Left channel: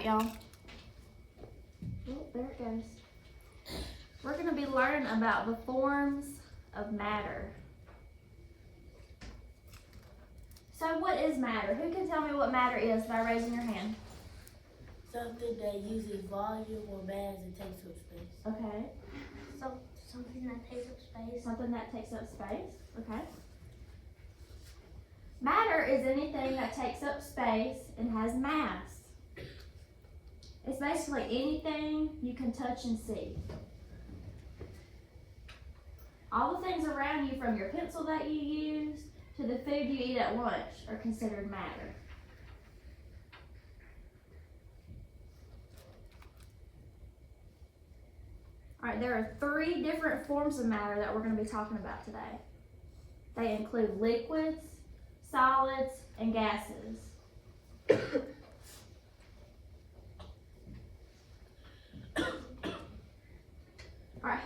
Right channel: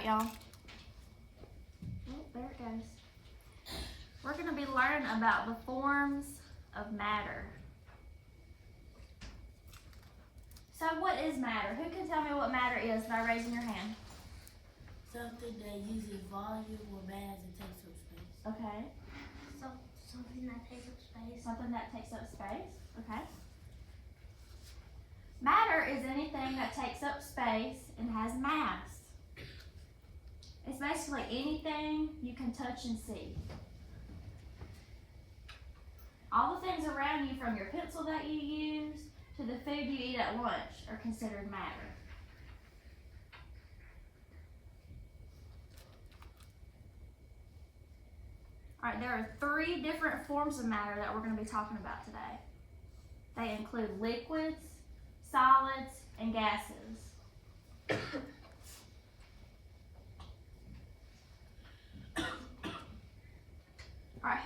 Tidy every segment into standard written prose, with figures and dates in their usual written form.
Alright, y'all. Oh, there it goes. We're going to be learning about the forms of matter. So what is matter? Who can tell me what matter is by raising your hand? Something that uses volume or mass and takes up space. Okay. So, something that takes up space. Something that takes up space. Okay. Matter is anything that takes up space and has mass. It's basically anything you can touch and see. All the things around you, from your pencil that you use to the food you eat at lunch, are considered matter. Alright, there are 3 different forms of matter that we're going to be talking about today. They include liquids, solids, and gases. Alright,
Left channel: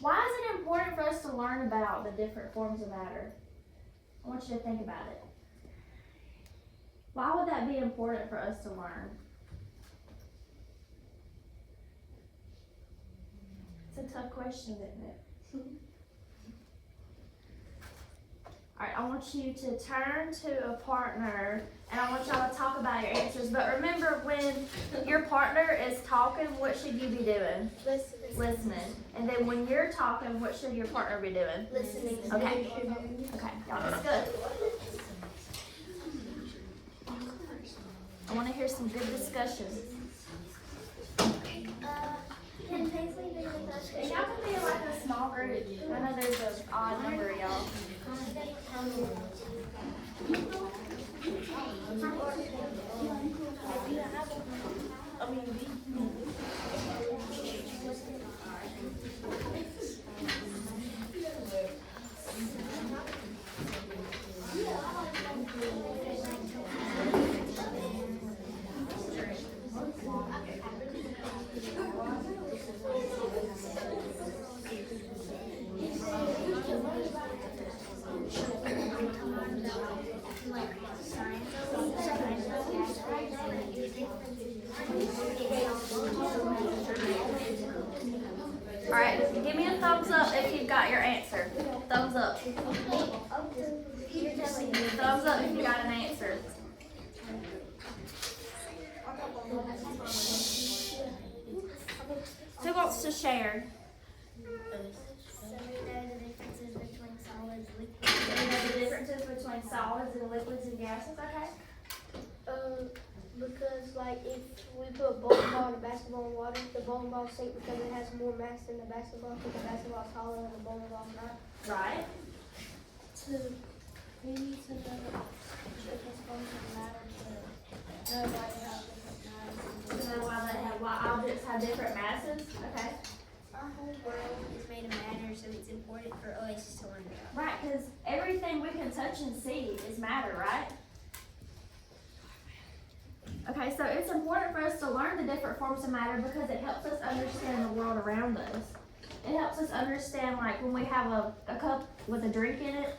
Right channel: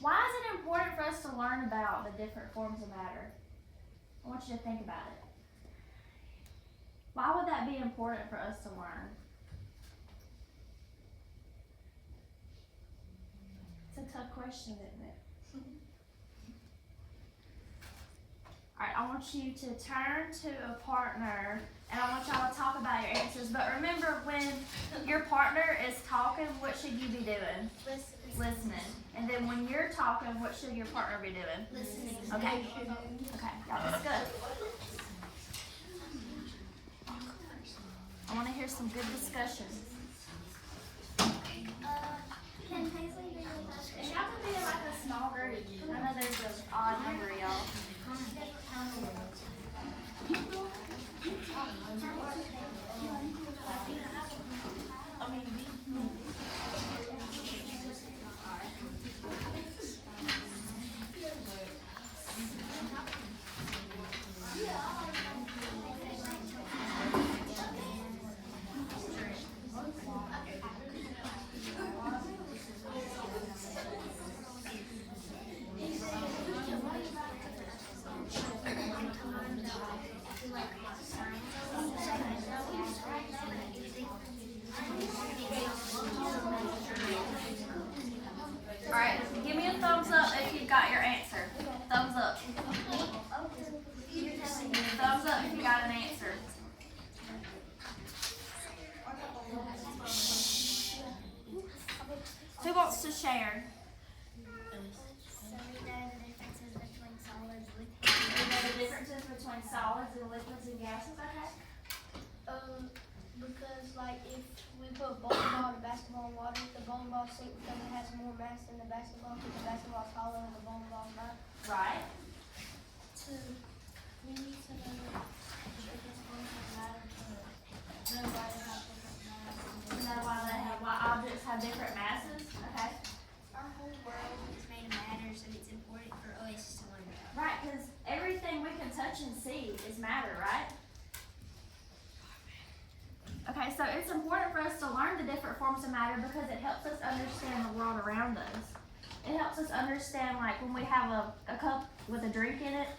why is it important for us to learn about the different forms of matter? I want you to think about it. Why would that be important for us to learn? It's a tough question, isn't it? Alright, I want you to turn to a partner and I want y'all to talk about your answers. But remember, when your partner is talking, what should you be doing? Listening. And then when you're talking, what should your partner be doing? Listening. Okay. Okay, y'all, that's good. I want to hear some good discussion. Can Paisley be with us? And y'all can be like a small group. I know there's an odd number of y'all. Alright, give me a thumbs up if you got your answer. Thumbs up. Thumbs up if you got an answer. Who wants to share? The differences between solids and liquids and gases, okay? Because like if we put a bowling ball and a basketball in water, the bowling ball sinks because it has more mass than the basketball, because the basketball is hollow and the bowling ball is not. Right. We need to know if it's going to matter to know why they have different mass. To know why objects have different masses, okay? Our whole world is made of matter, so it's important for us to learn about. Right, because everything we can touch and see is matter, right? Okay, so it's important for us to learn the different forms of matter because it helps us understand the world around us. It helps us understand, like when we have a cup with a drink in it,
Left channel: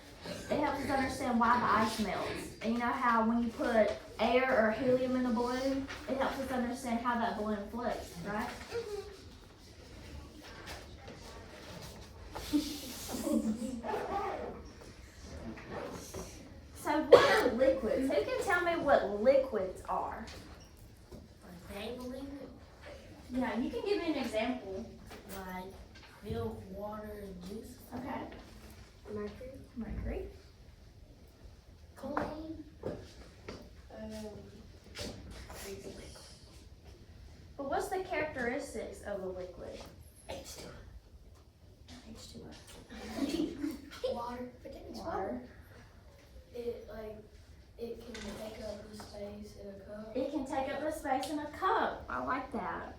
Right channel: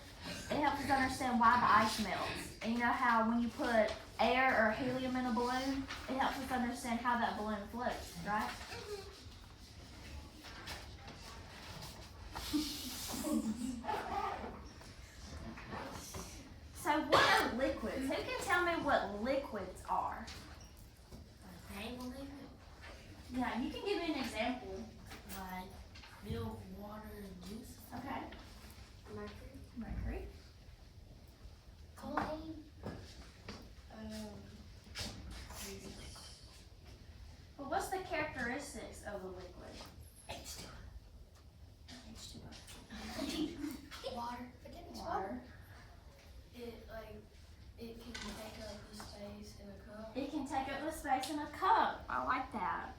it helps us understand why the ice melts. And you know how when you put air or helium in a balloon, it helps us understand how that balloon floats, right? So what are liquids? Who can tell me what liquids are? Yeah, you can give me an example. Like milk, water, and juice. Okay. Mercury. Mercury. Chlorine. But what's the characteristics of a liquid? H2O. H2O. Water. Forget it's Water. It can take up the space in a cup. It can take up the space in a cup. I like that.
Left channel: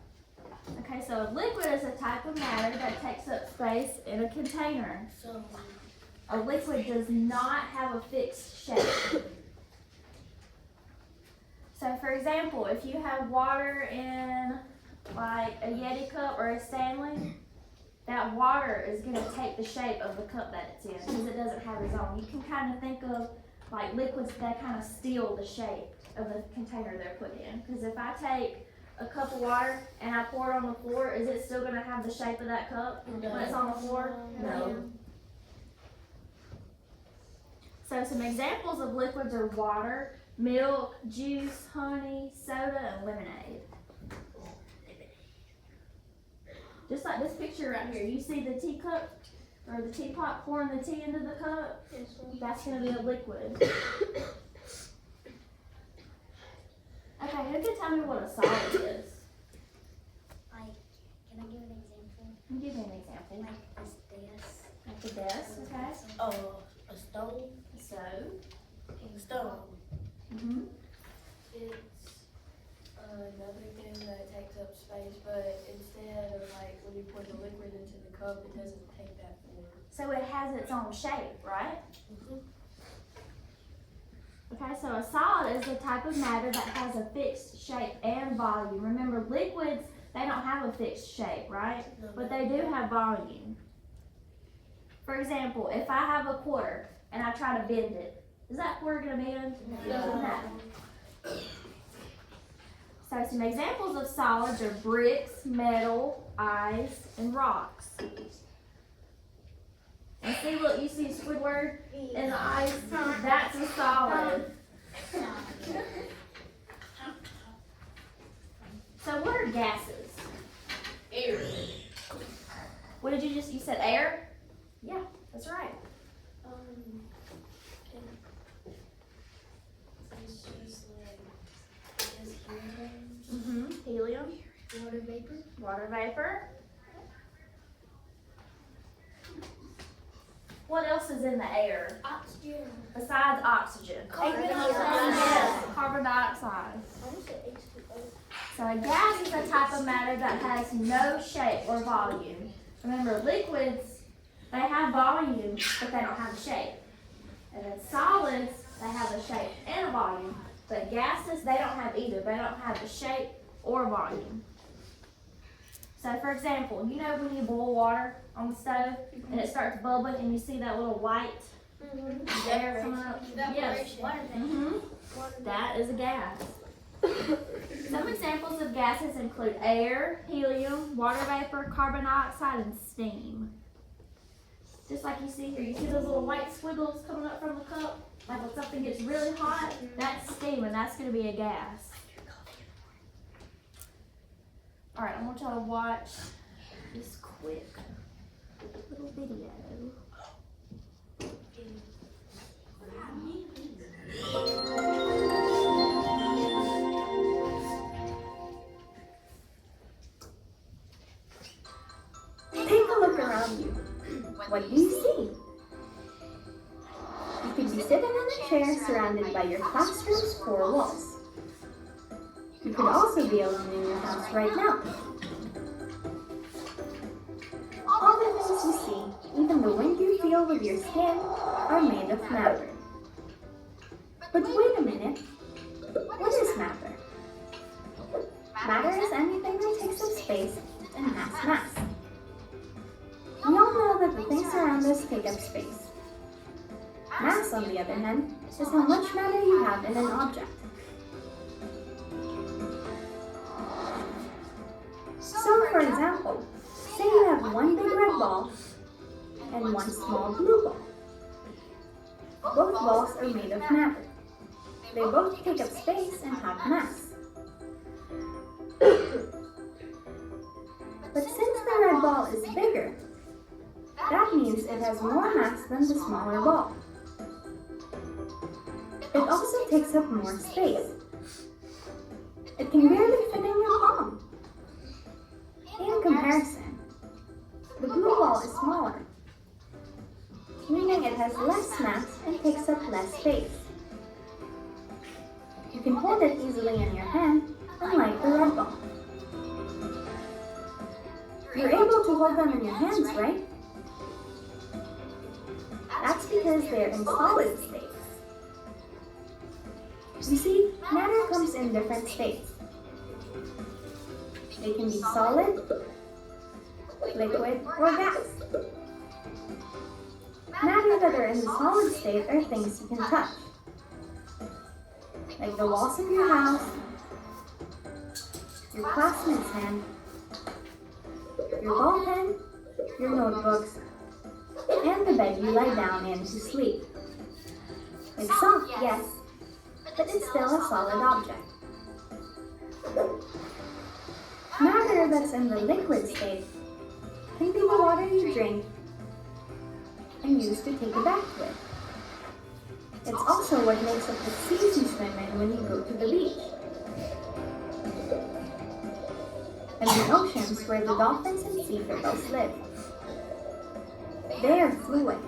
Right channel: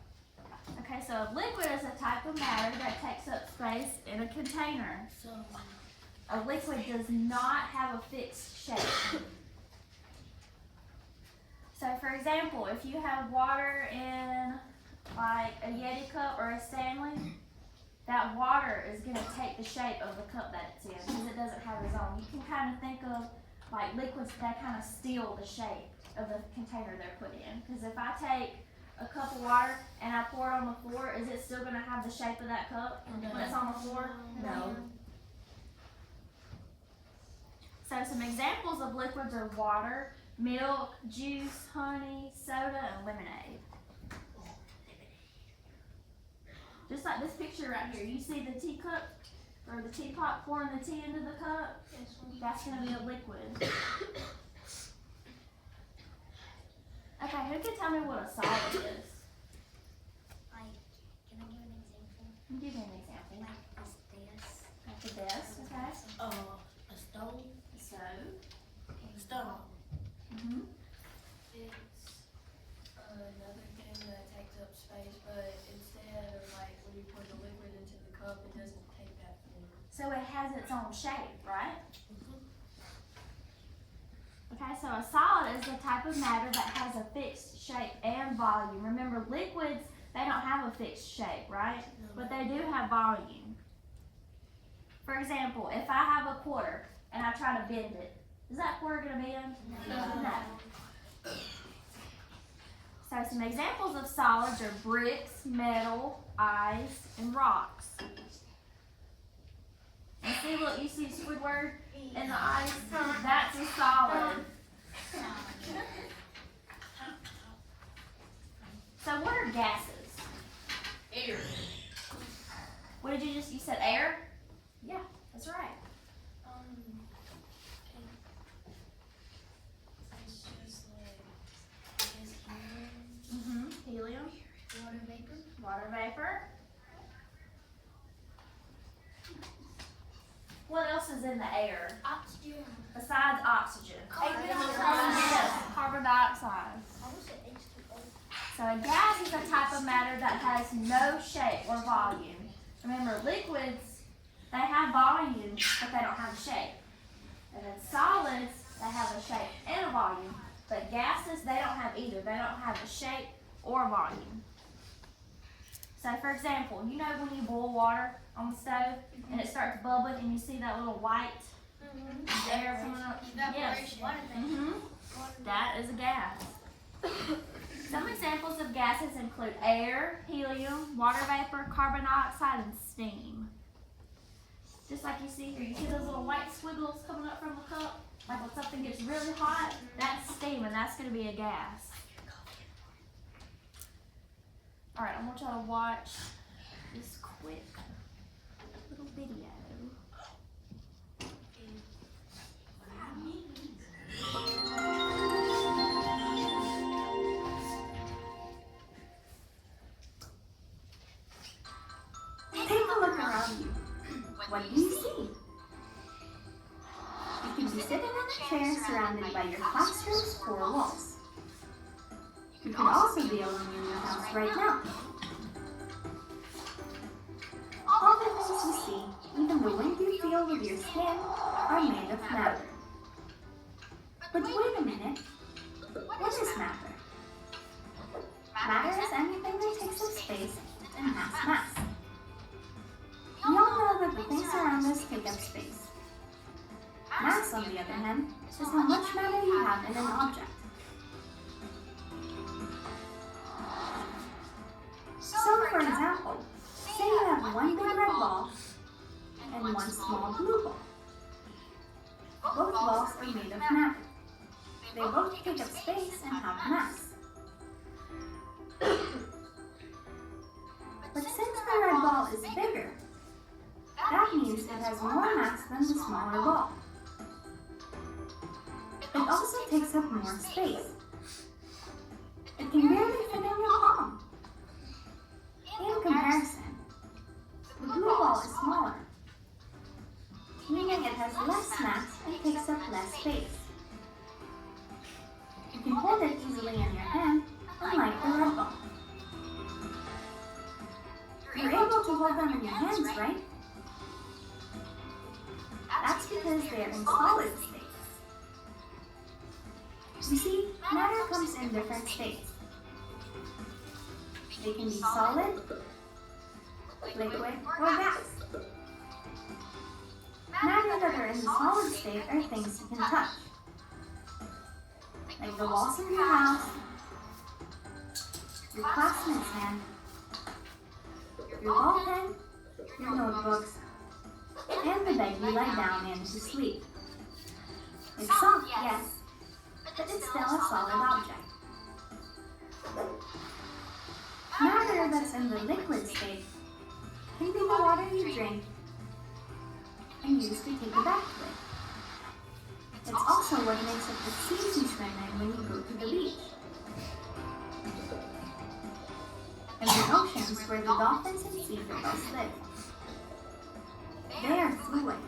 Okay, so a liquid is a type of matter that takes up space in a container. So, A liquid does not have a fixed shape. So for example, if you have water in like a Yeti cup or a Stanley, that water is going to take the shape of the cup that it's in because it doesn't have its own. You can kind of think of like liquids that kind of steal the shape of the container they're put in. Because if I take a cup of water and I pour it on the floor, is it still gonna have the shape of that cup when it's on the floor? No. So some examples of liquids are water, milk, juice, honey, soda, and lemonade. Just like this picture right here, you see the teacup or the teapot pouring the tea into the cup? That's gonna be a liquid. Okay, who can tell me what a solid is? Like, can I give an example? Give me an example. Like this desk. Like the desk, okay? A stone. So, Stone. It's another thing that takes up space, but instead of like when you pour the liquid into the cup, it doesn't take that form. So it has its own shape, right? Okay, so a solid is a type of matter that has a fixed shape and volume. Remember, liquids, they don't have a fixed shape, right? But they do have volume. For example, if I have a quarter and I try to bend it, is that quarter gonna bend? No. So some examples of solids are bricks, metal, ice, and rocks. And see, look, you see Squidward in the ice? That's a solid. So what are gases? Air. What did you said air? Yeah, that's right. It's just like it's helium. Helium, Water vapor. water vapor. What else is in the air Oxygen. besides oxygen? Carbon Yes, carbon dioxide. I almost said H2O. So a gas is a type of matter that has no shape or volume. Remember, liquids, they have volume, but they don't have a shape. And then solids, they have a shape and a volume. But gases, they don't have either. They don't have a shape or volume. So for example, you know when you boil water on the stove and it starts bubbling and you see that little white air coming up? Yes. That is a gas. Some examples of gases include air, helium, water vapor, carbon dioxide, and steam. Just like you see here, you see those little white squiggles coming up from the cup? Like when something gets really hot, that's steam and that's going to be a gas. Alright, I want y'all to watch this quick little video. Take a look around you. What do you see? You could be sitting in a chair surrounded by your classroom's four walls. You could also be alone in your house right now. All the things you see, even the wind you feel with your skin, are made of matter. But wait a minute. What is matter? Matter is anything that takes up space and has mass. We all know that the things around us take up space. Mass, on the other hand, is how much matter you have in an object. So, for example, say you have one big red ball and one small blue ball. Both balls are made of matter. They both take up space and have mass. But since the red ball is bigger, that means it has more mass than the smaller ball. It also takes up more space. It can barely fit in your palm. In comparison, the blue ball is smaller, meaning it has less mass and takes up less space. You can hold it easily in your hand, unlike the red ball. You're able to hold them in your hands, right? That's because they're in solid states. You see, matter comes in different states. They can be solid, liquid, or gas. Matter that are in the solid state are things you can touch. like the walls of your house, your classmate's hand, your ball pen, your notebooks, and the bed you lie down in to sleep. It's soft, yes, but it's still a solid object. Matter that's in the liquid state can be the water you drink and use to take a bath with. It's also what makes up the seas you swim in when you go to the beach. And the oceans where the dolphins and sea turtles live. They are fluid.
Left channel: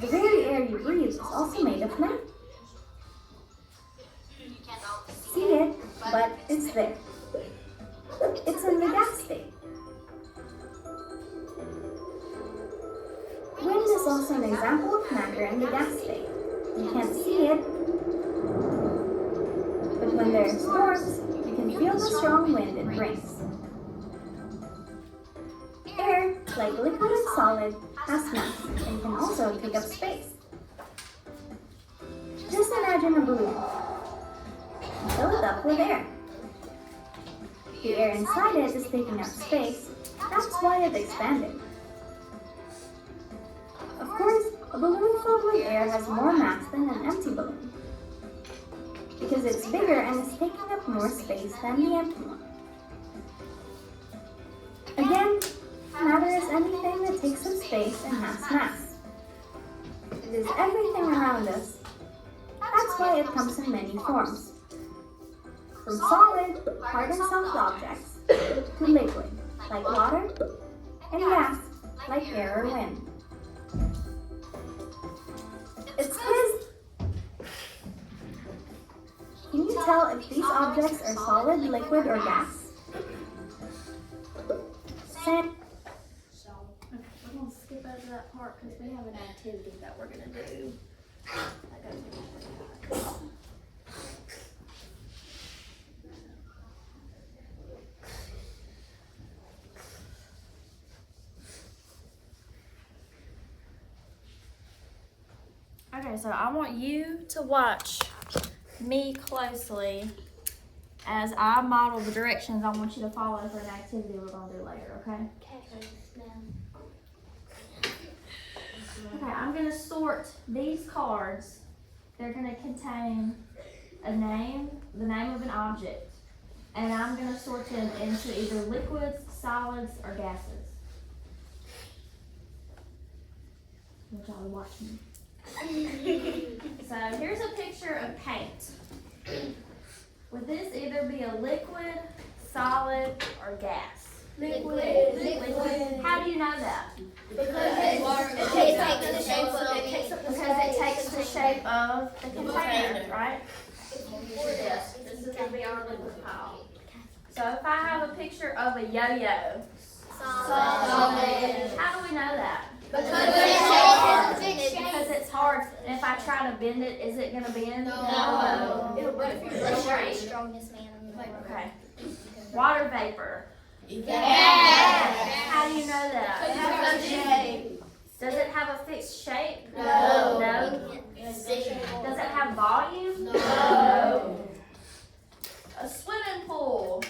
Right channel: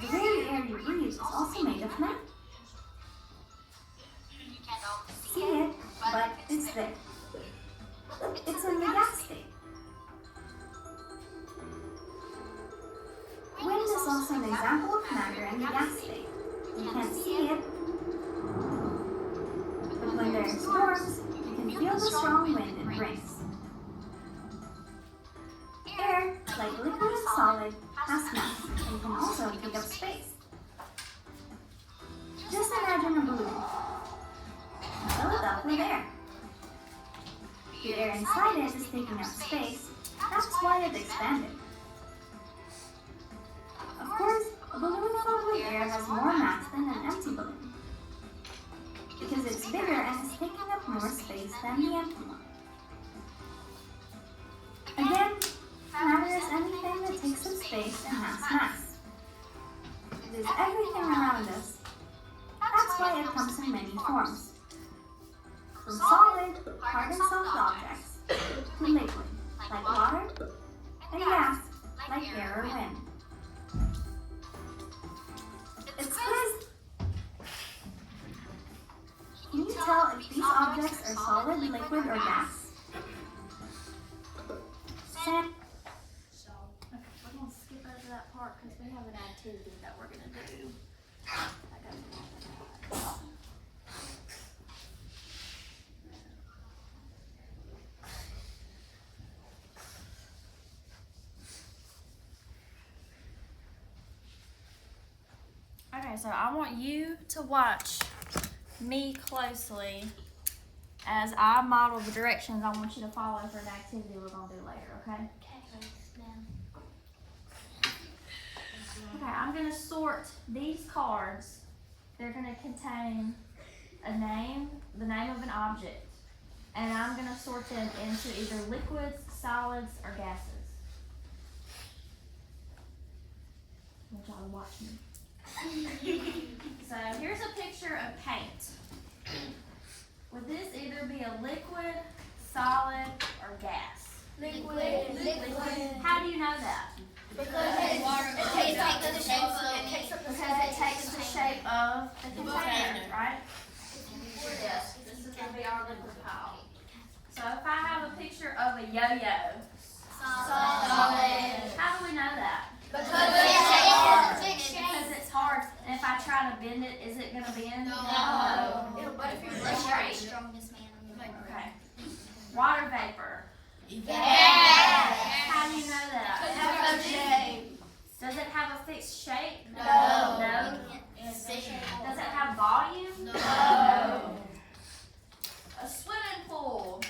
The very air you breathe is also made of matter. See it, but it's there. It's in the gas state. Wind is also an example of matter in the gas state. You can't see it, but when there are storms, you can feel the strong wind it brings. Air, like liquid and solid, has mass and can also take up space. Just imagine a balloon. Fill it up with air. The air inside it is taking up space. That's why it expanded. Of course, a balloon filled with air has more mass than an empty balloon, because it's bigger and is taking up more space than the empty one. Again, matter is anything that takes up space and has mass. It is everything around us. That's why it comes in many forms. From solid, hard and soft objects, to liquid, like water, and gas, like air or wind. It's quiz! Can you tell if these objects are solid, liquid, or gas? Sam? Okay, we're gonna skip over that part because we have an activity that we're gonna do. That goes along with that. Okay, so I want you to watch me closely as I model the directions I want you to follow for an activity we're gonna do later, okay? Okay, I'm gonna sort these cards. They're gonna contain a name, the name of an object, and I'm gonna sort them into either liquids, solids, or gases. I want y'all to watch me. So here's a picture of paint. Would this either be a liquid, solid, or gas? Liquid. How do you know that? Because it takes the shape of the container, right? Yes, this is gonna be our liquid pile. So if I have a picture of a yo-yo, Solid. how do we know that? Because it's hard. And if I try to bend it, is it gonna bend? No. But if you're Straight. Strongest man on the planet. Okay. Water vapor. Yes. How do you know that? Does it have a fixed shape? No. No? Does it have volume? No. A swimming pool.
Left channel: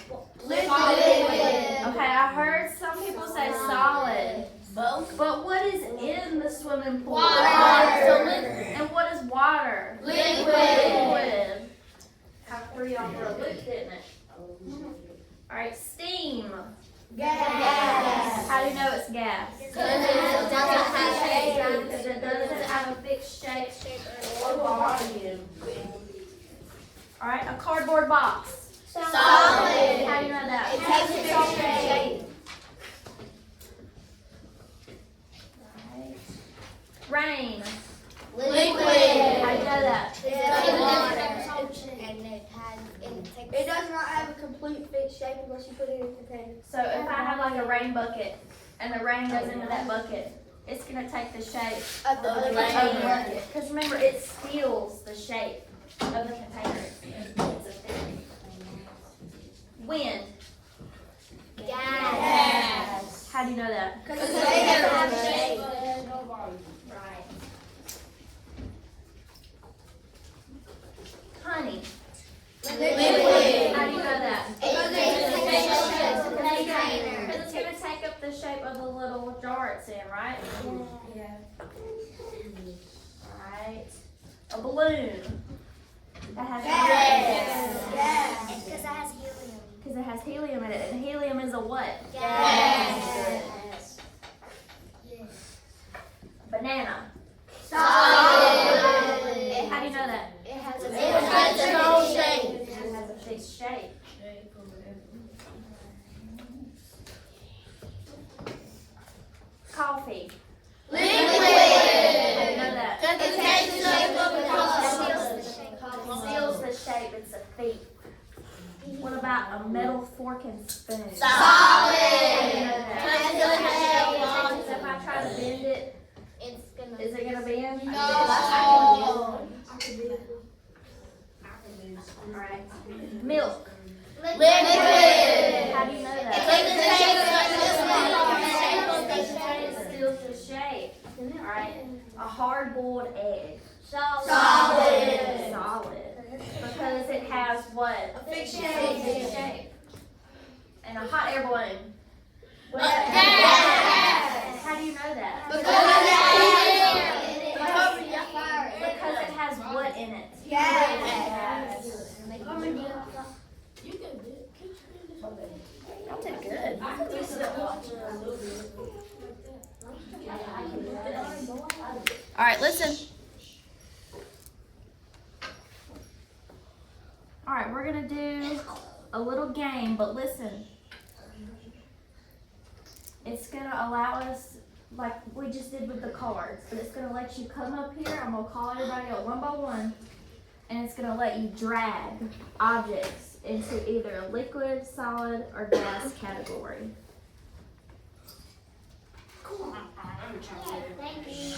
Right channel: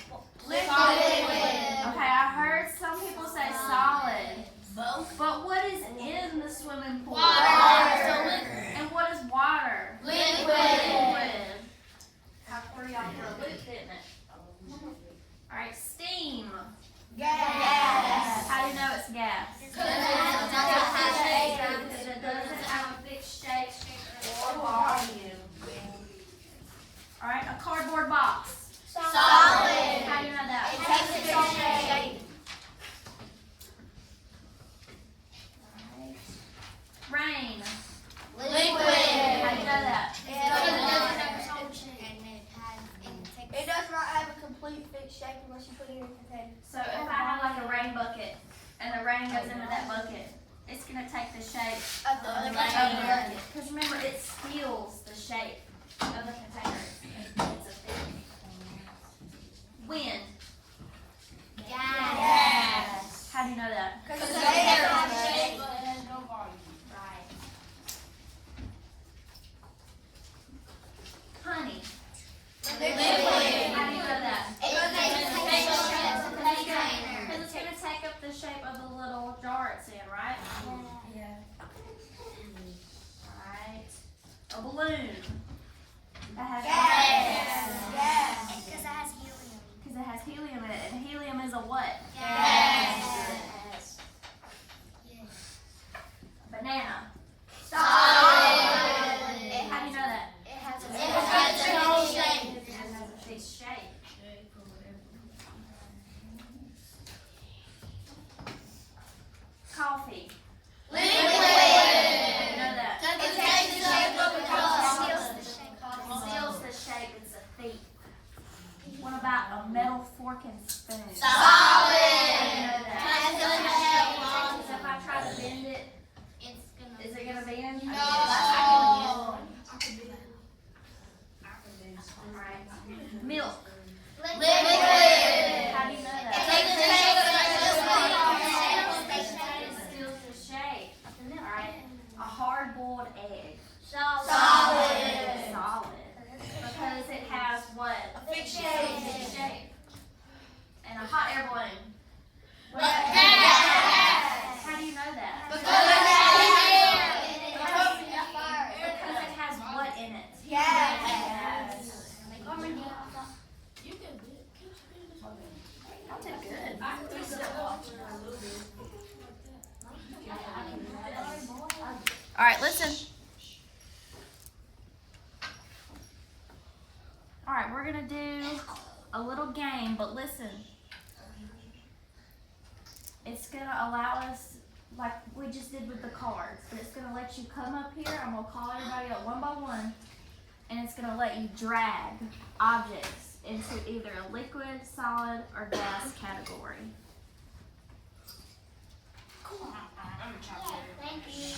Liquid. Okay, I heard some people say solid. Both. But what is in the swimming pool? Water. And what is water? Liquid. How threw y'all for a loop, didn't it? Alright, steam. Gas. How do you know it's gas? Because it doesn't have shape. Because it doesn't have a fixed shape or volume. Alright, a cardboard box. Solid. How do you know that? It takes its own shape. Rain. Liquid. How do you know that? It does not have a complete fixed shape unless you put it in a container. So if I have like a rain bucket and the rain goes into that bucket, it's going to take the shape Of the of the bucket. Because remember, it steals the shape of the container. It's a thing. Wind. Gas. How do you know that? Because it's made of shape. Right. parts in, right? Yeah. Right. A balloon. That has Because it has helium. Because it has helium in it, and helium is a what? Yes. Banana. Solid. How do you know that? It has It has a fixed shape. Coffee. How do you know that? Seals the shape, it's a thief. What about a metal fork and spoon? How do you know that? So if I try to bend it, It's gonna. is it gonna bend? No. Alright. Milk. How do you know that? It steals the shape. Alright. A hard-boiled egg. Solid. Solid. Because it has what? A fixed A shape. fixed shape. And a hot air balloon. What How do you know that? Because it has what in it? Yes. You can do it. Y'all did good. I can do some a little bit. All right, listen. All right, we're gonna do a little game, but listen. It's gonna allow us, like we just did with the cards, but it's gonna let you come up here. I'm gonna call everybody out one by one, and it's gonna let you drag objects into either a liquid, solid, or gas category. Thank you.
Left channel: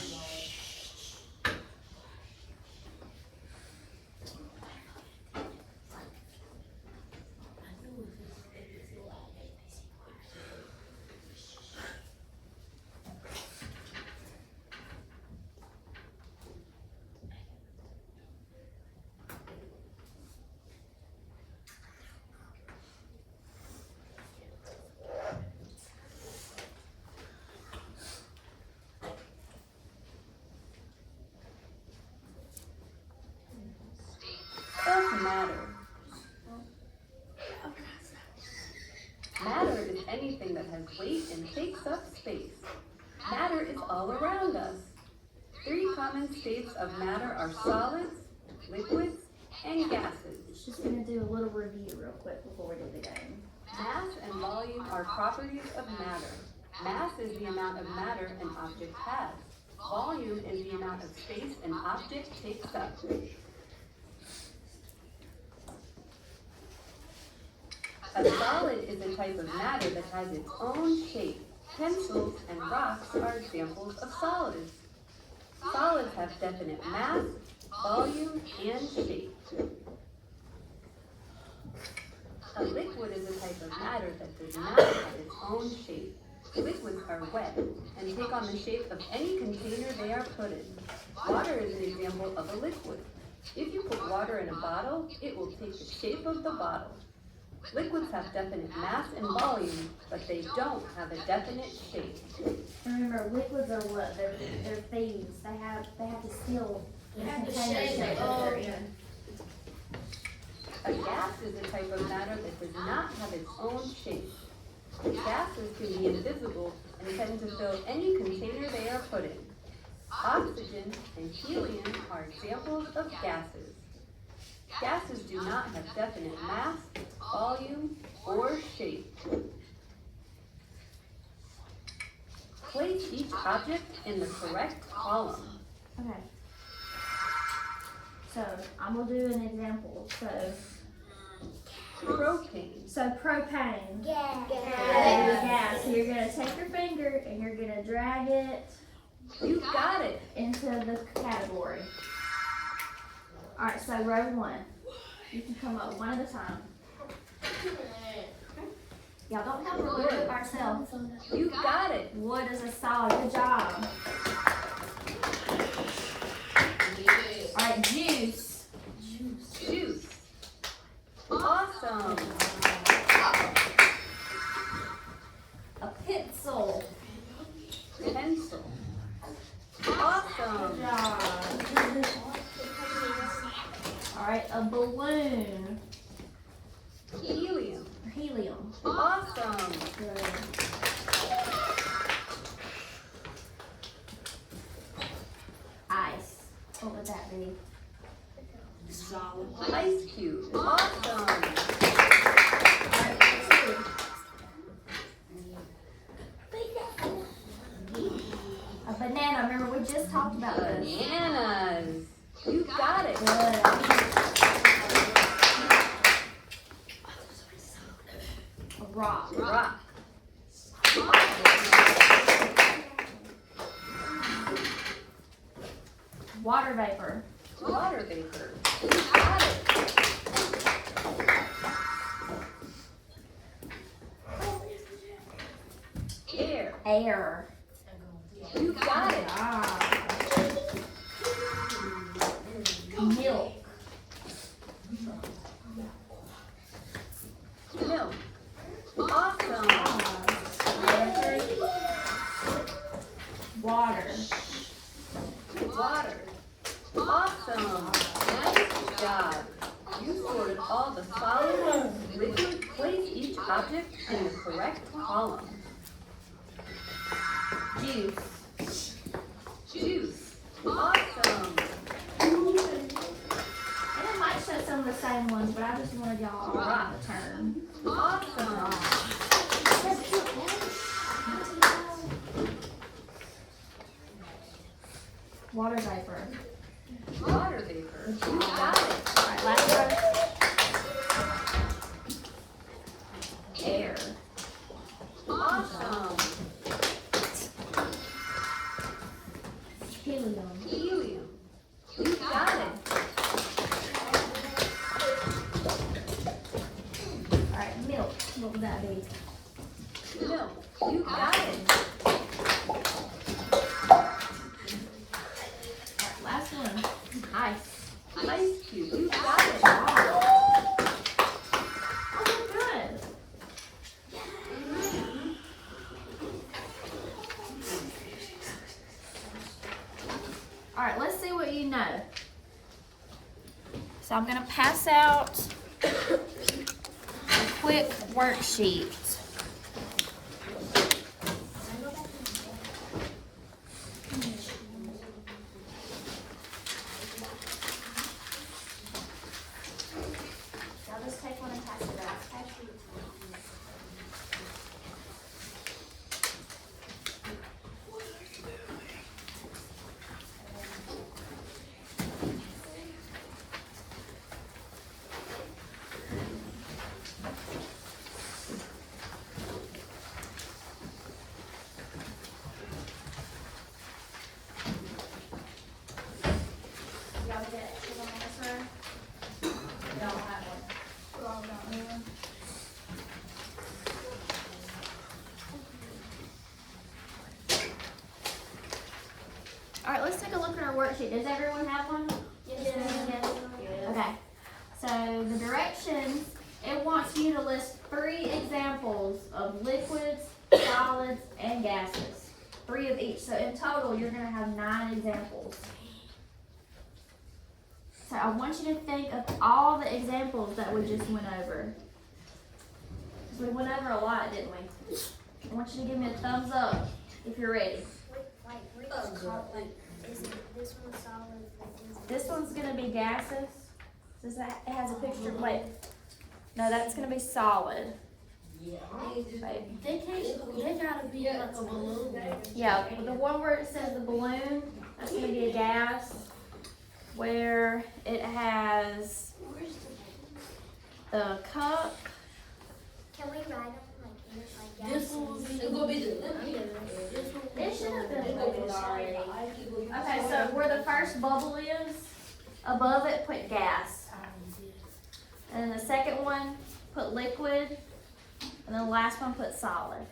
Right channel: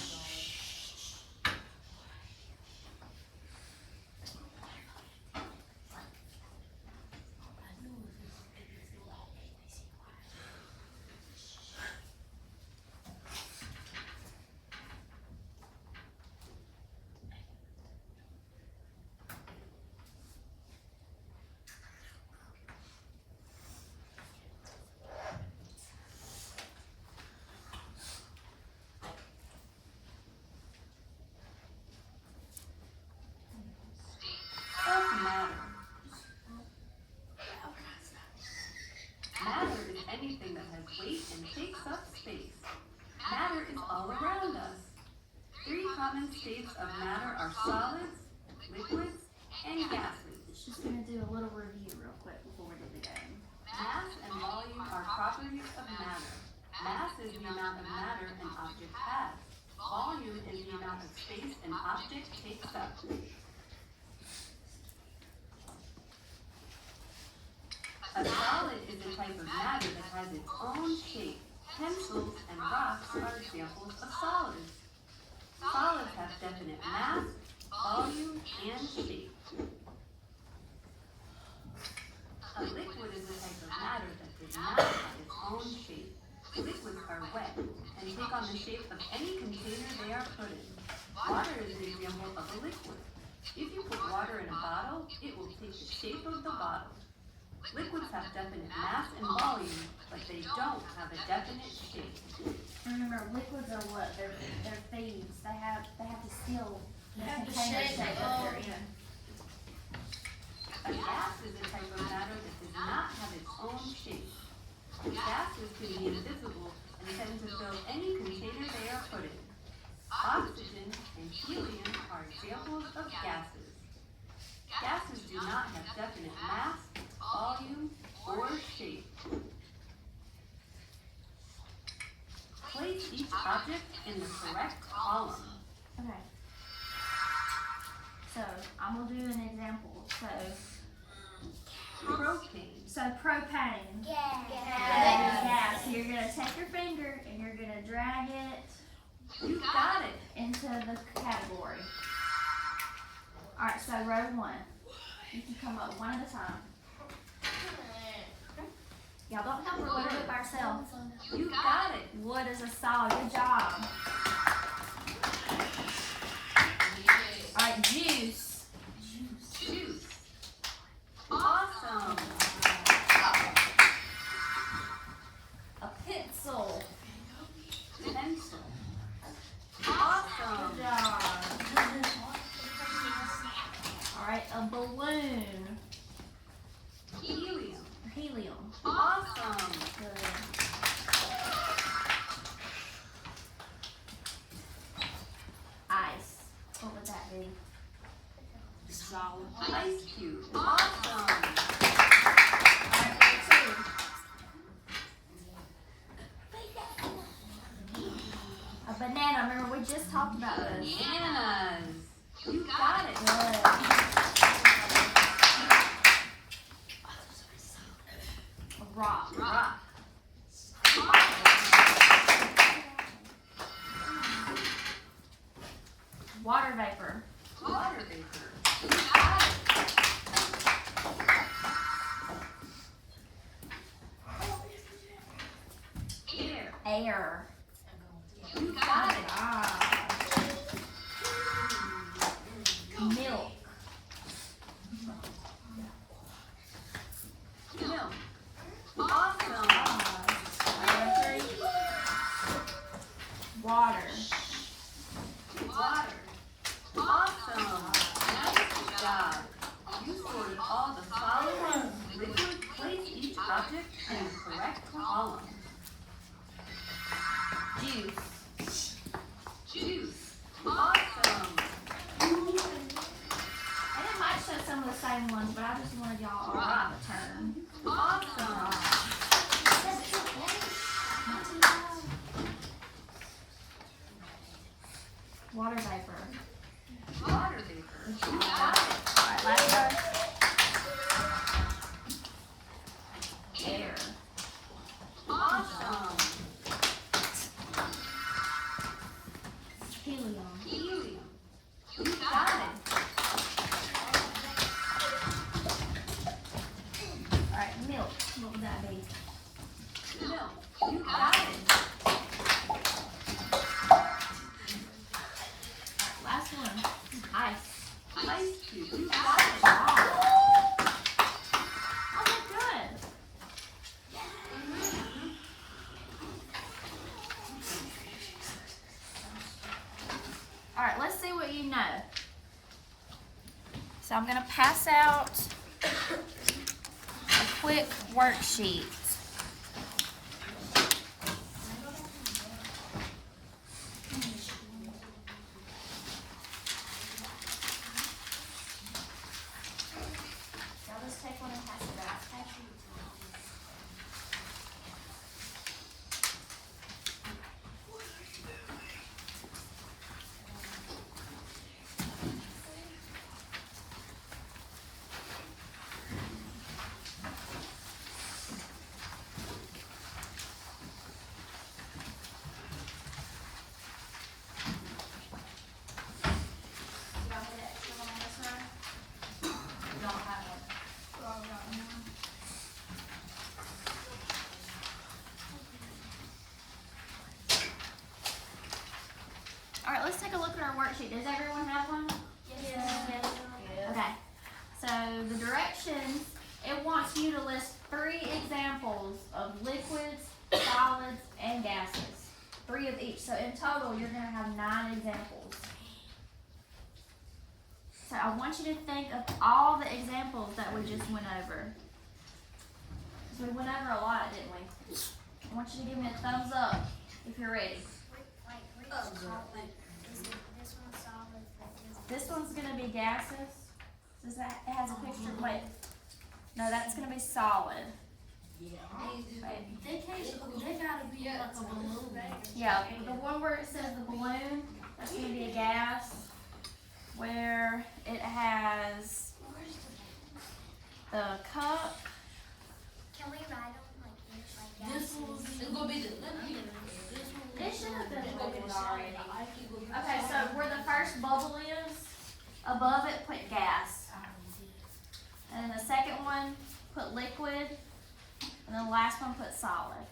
Of matter. Matter is anything that has weight and takes up space. Matter is all around us. 3 common states of matter are solids, liquids, and gases. Just gonna do a little review real quick before we do the game. Mass and volume are properties of matter. Mass is the amount of matter an object has. Volume is the amount of space an object takes up. A solid is a type of matter that has its own shape. Pencils and rocks are examples of solids. Solids have definite mass, volume, and shape. A liquid is a type of matter that does not have its own shape. Liquids are wet and take on the shape of any container they are put in. Water is an example of a liquid. If you put water in a bottle, it will take the shape of the bottle. Liquids have definite mass and volume, but they don't have a definite shape. Remember, liquids are what? They're thieves. They have to steal the container shape that they're in. A gas is a type of matter that does not have its own shape. Gases can be invisible and tend to fill any container they are put in. Oxygen and helium are examples of gases. Gases do not have definite mass, volume, or shape. Place each object in the correct column. Okay. So I'm gonna do an example. Propane. So propane. Yeah. Gas. So you're gonna take your finger and you're gonna drag it You got it. into the category. All right. So row 1. You can come up one at a time. Y'all don't help her. We'll do it by ourselves. You got it. Wood is a solid. Good job. All right. Juice. Juice. Awesome. A pencil. Pen. balloon. Helium. Or helium. Awesome. Good. Ice. What would that be? Solid. Ice cube. Awesome. Alright, let's see. A banana. Remember, we just talked about this. Bananas. You got it. Good. A rock. Rock. Water vapor. Water vapor. You got it. Air. Air. You got it. Ah. Milk. Milk. Awesome. Water. Water. Awesome. Nice job. You sorted all the solid, liquid, place each object in the correct column. Juice. Juice. Awesome. And it might show some of the same ones, but I just wanted y'all all on the turn. Awesome. Water vapor. Water vapor. You got it. Alright, last one. Air. Awesome. Helium. Helium. You got it. Alright, milk. What would that be? Milk. You got it. Alright, last one. Ice. Ice cube. You got it. Wow. I did good. Alright, let's see what you know. So I'm going to pass out a quick worksheet. I'll just take one and pass it out. Y'all get someone on this row? Y'all don't have one. You all don't need one? Alright, let's take a look at our worksheet. Does everyone have one? Okay. So the directions, it wants you to list 3 examples of liquids, solids, and gases. 3 of each. So in total, you're going to have 9 examples. So I want you to think of all the examples that we just went over. Because we went over a lot, didn't we? I want you to give me a thumbs up if you're ready. Like, which color? Is it this one solid? This one's going to be gases. Does that, it has a picture, wait. No, that's going to be solid. Wait. They gotta be like a balloon. Yeah, the one where it says the balloon, that's going to be a gas. Where it has the cup. Can we write them like each like This gases? one will be the. It should have been labeled already. Okay, so where the first bubble is, above it put gas. And then the second one put liquid. And then the last one put solid.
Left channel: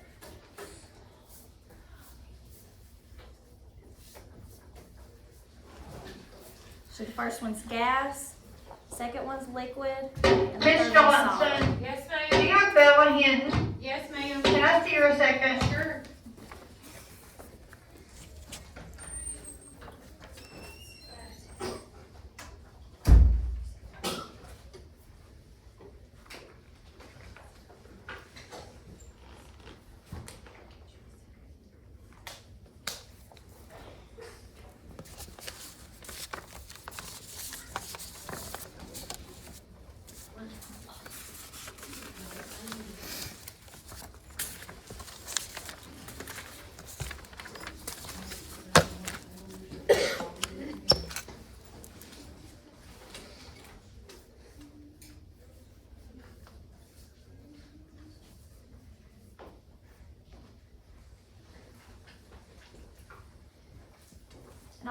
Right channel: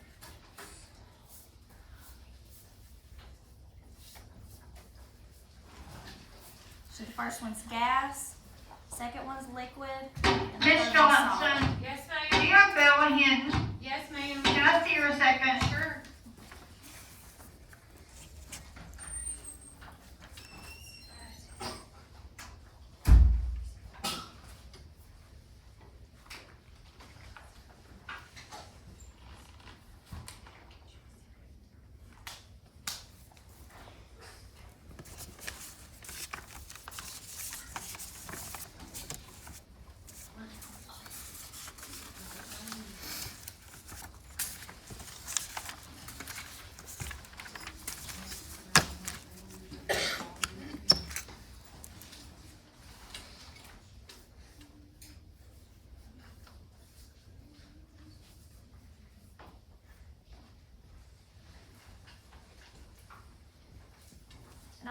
So the first one's gas, second one's liquid, and the Miss third one's solid. Johnson, Yes, do ma'am. you have Bella Hinton? Yes, ma'am. Can I see her a second? Sure.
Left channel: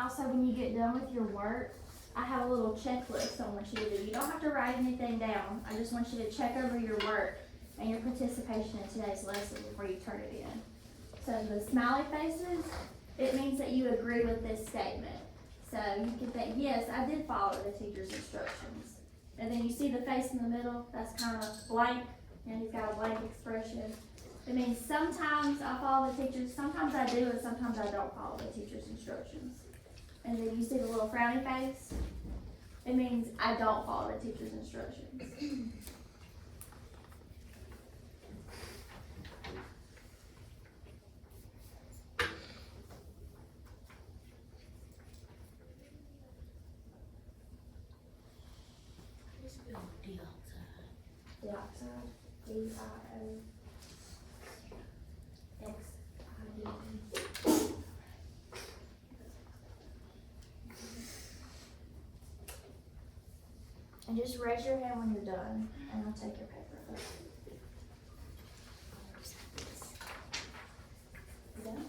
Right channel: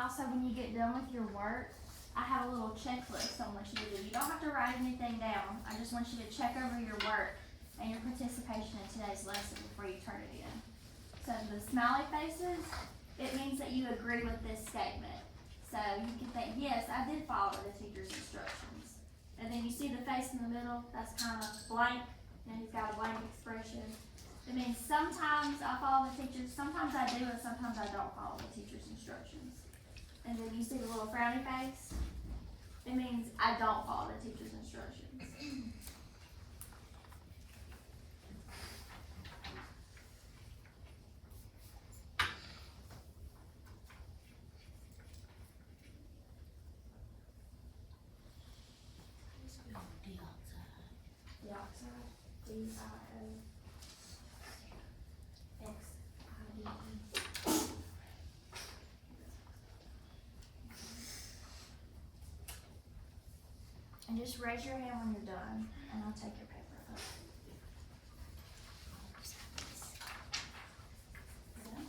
also, when you get done with your work, I have a little checklist I want you to do. You don't have to write anything down. I just want you to check over your work and your participation in today's lesson before you turn it in. So the smiley faces, it means that you agree with this statement. So you can think, yes, I did follow the teacher's instructions. And then you see the face in the middle, that's kind of blank, and he's got a blank expression. It means sometimes I follow the teacher's, sometimes I do, and sometimes I don't follow the teacher's instructions. And then you see the little frowny face, it means I don't follow the teacher's instructions. Let's spell dioxide. Dioxide, D-I-O-X-I-D-E. And just raise your hand when you're done, and I'll take your paper. You done?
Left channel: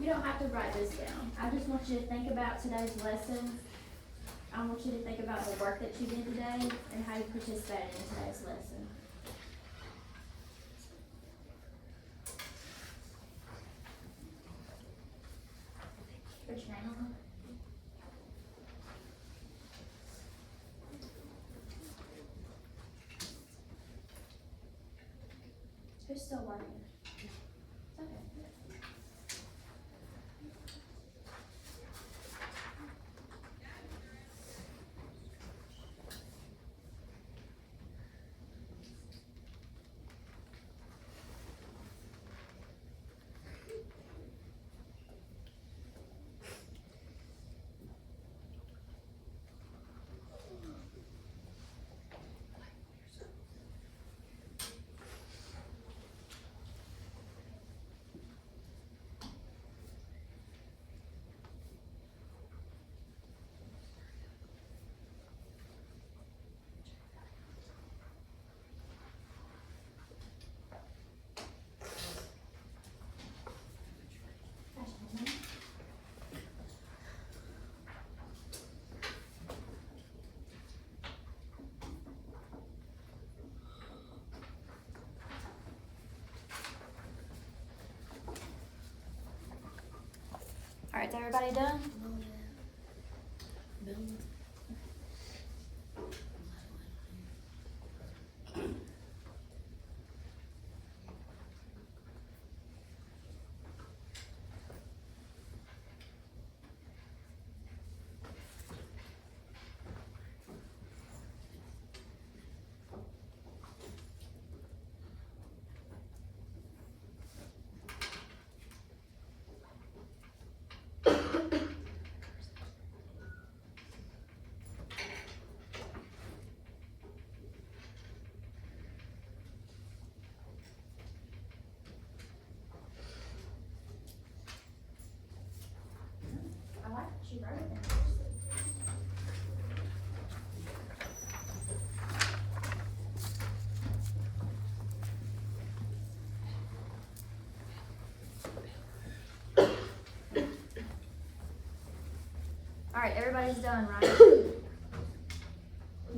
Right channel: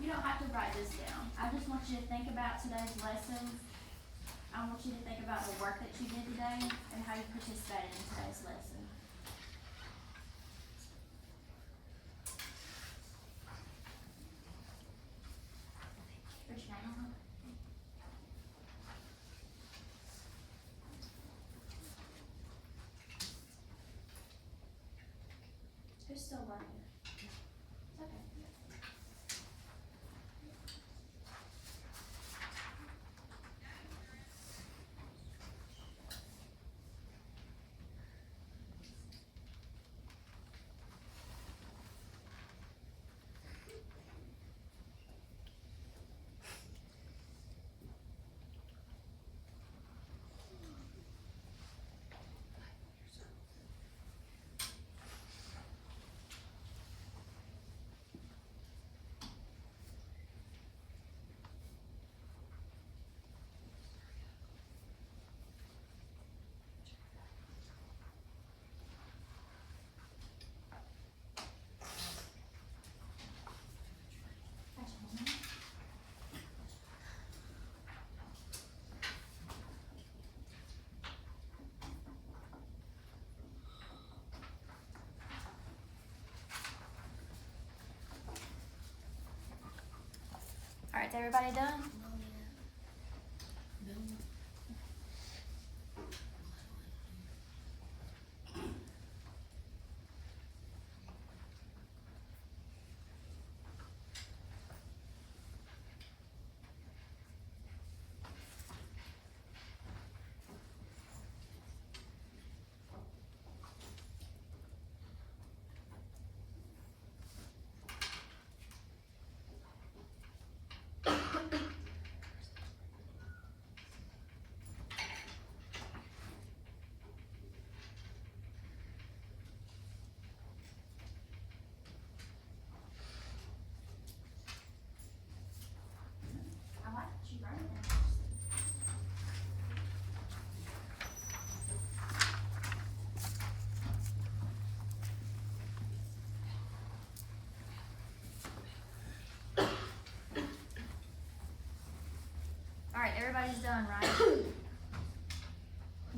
You don't have to write this down. I just want you to think about today's lesson. I want you to think about the work that you did today and how you participated in today's lesson. Put your name on it. Who's still learning? It's okay. All right, is everybody done? Alright, everybody's done, right? Is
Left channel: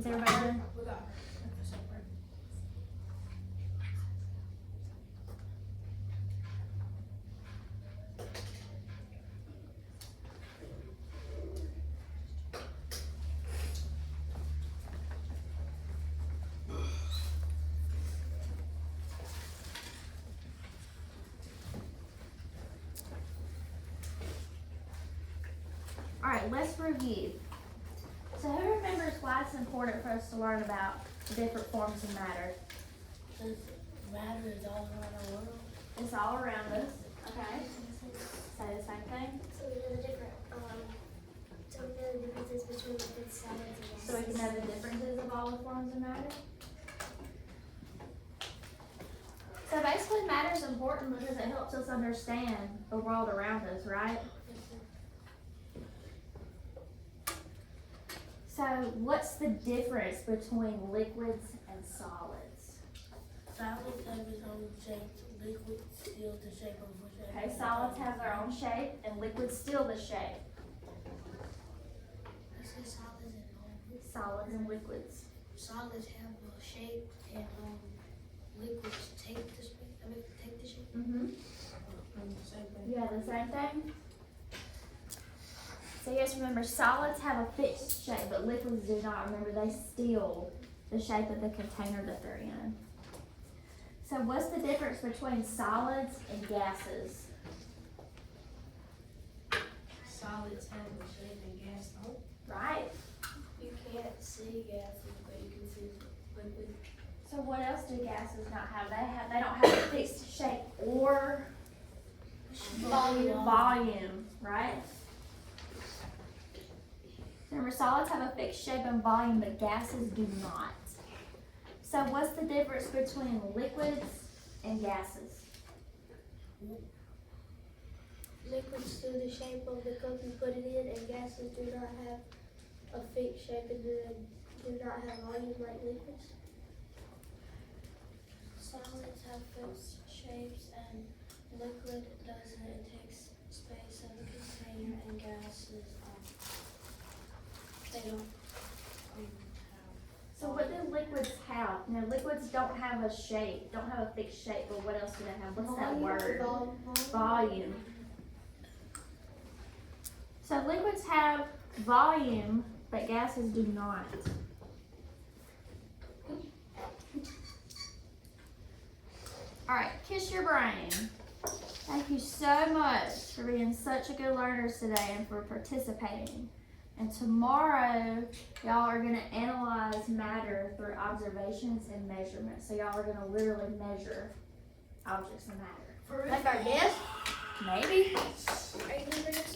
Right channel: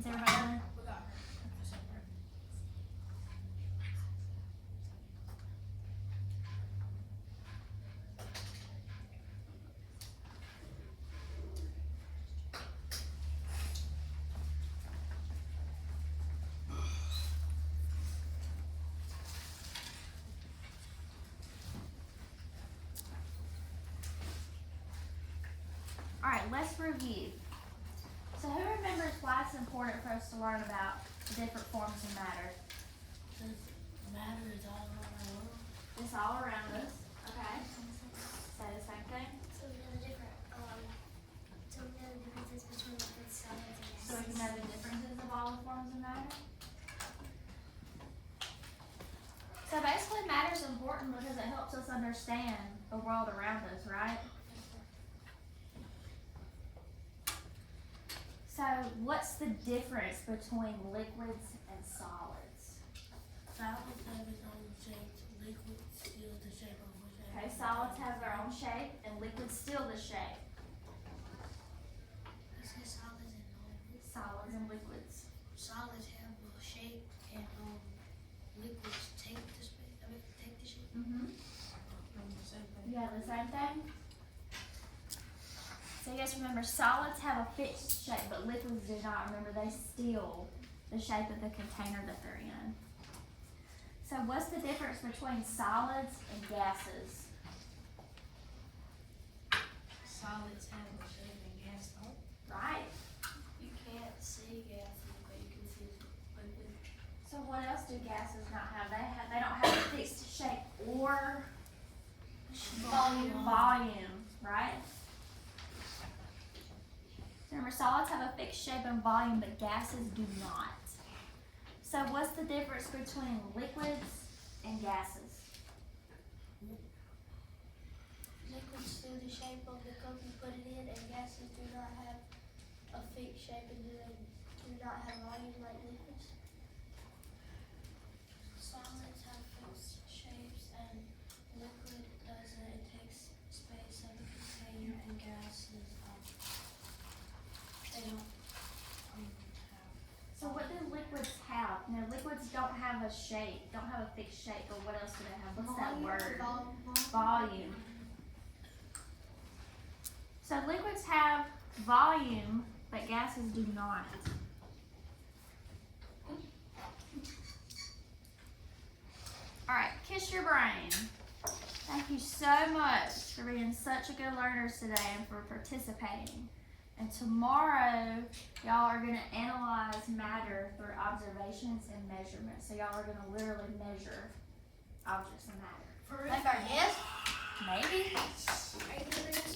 everybody done? We got her. Alright, let's review. So who remembers why it's important for us to learn about the different forms of matter? Since matter is all around our world. It's all around us, okay? Say the same thing. So we know the different, so we know the differences between liquids, solids, and gases. So we can know the differences of all the forms of matter. So basically matter is important because it helps us understand the world around us, right? So what's the difference between liquids and solids? Solids have its own shape. Liquid steals the shape of whichever. Okay, solids have their own shape and liquids steal the shape. You say solids and liquids. Solids and liquids. Solids have a shape and liquids take the shape. Take the shape. Mm-hmm. You have the same thing? So you guys remember solids have a fixed shape, but liquids do not. Remember, they steal the shape of the container that they're in. So what's the difference between solids and gases? Solids have the shape and gas don't. Right? You can't see gases, but you can see liquids. So what else do gases not have? They don't have a fixed shape or volume, right? So remember, solids have a fixed shape and volume, but gases do not. So what's the difference between liquids and gases? Liquids steal the shape of the cup you put it in, and gases do not have a fixed shape and do not have volume like liquids. Solids have fixed shapes and liquid doesn't. It takes space of a container, and gases, they don't have. So what do liquids have? Now liquids don't have a shape, don't have a fixed shape, but what else do they have? What's that word? Volume. So liquids have volume, but gases do not. Alright, kiss your brain. Thank you so much for being such a good learners today and for participating. And tomorrow, y'all are going to analyze matter through observations and measurements. So y'all are going to literally measure objects of matter. Like our desk? Maybe. Are you gonna bring us